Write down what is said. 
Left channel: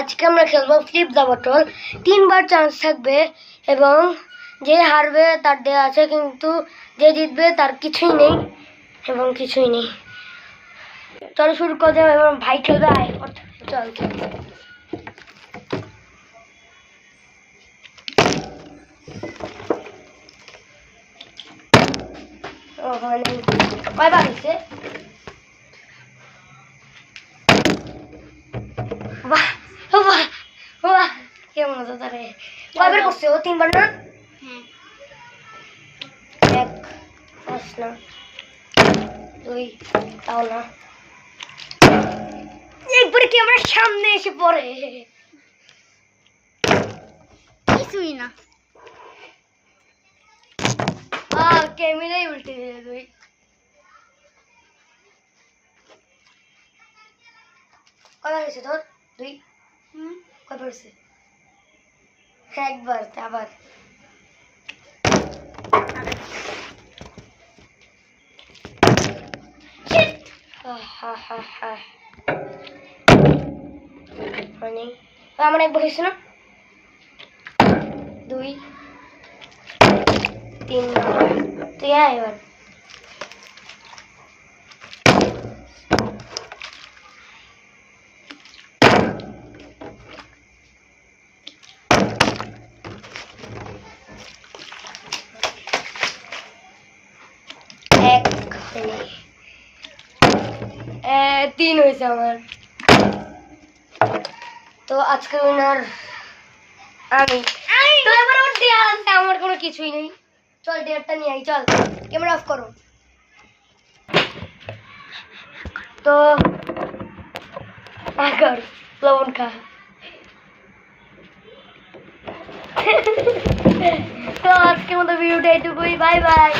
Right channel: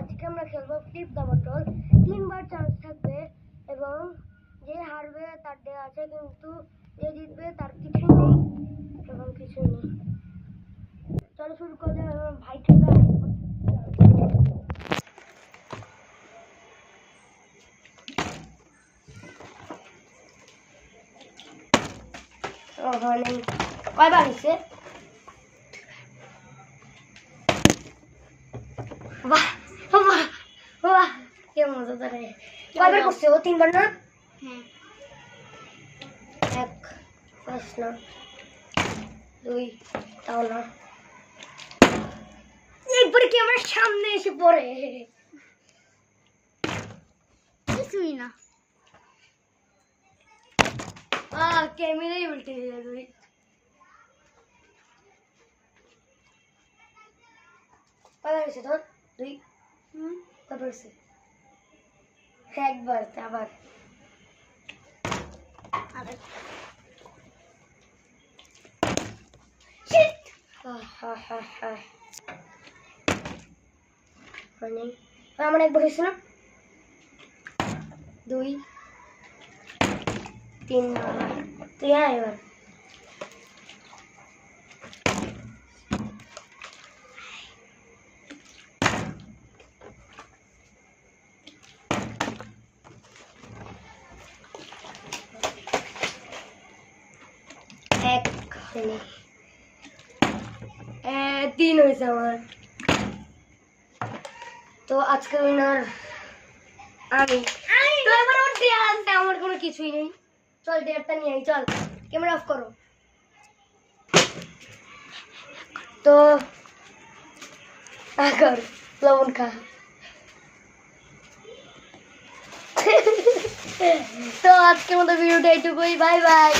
আজকে আমরা খেলবো ফ্লিপ দ্য বটল। 3বার চান্স থাকবে এবং যে হারবে তার দেয়া আছে, কিন্তু যে জিতবে তার কিছুই নেই এবং কিছুই নেই। চলো শুরু করে দেবো এবং ভাই খেলবে। চল কয়বার হয়েছে? কেমন হতো তারে? কয়বার করছে ও? 3বার না? এক পাঁচ না, 2 তাও না, একবারে ক্যামেরার সামনে এসে পড়ে। কিছুই না। ক্যামেরাই উল্টে দিলে তুই। কয়বার হয়েছে তোর? 2? কয়বার হয়েছে? একবার। আবার মানে আমার একবার হয়েছে না? 2 3 তুই এবার এক 3 হয়েছে আমার। তো আজকে উইনার আমি। তো এবার ওর দেয়া আছে, আমার কোনো কিছুই নেই। চল ডেয়ারটা নিয়ে আই, চল ক্যামেরা অফ করো। তো আগর লবণ খা। তো আজকের মতো ভিডিওটা এইটুকুই। Bye bye.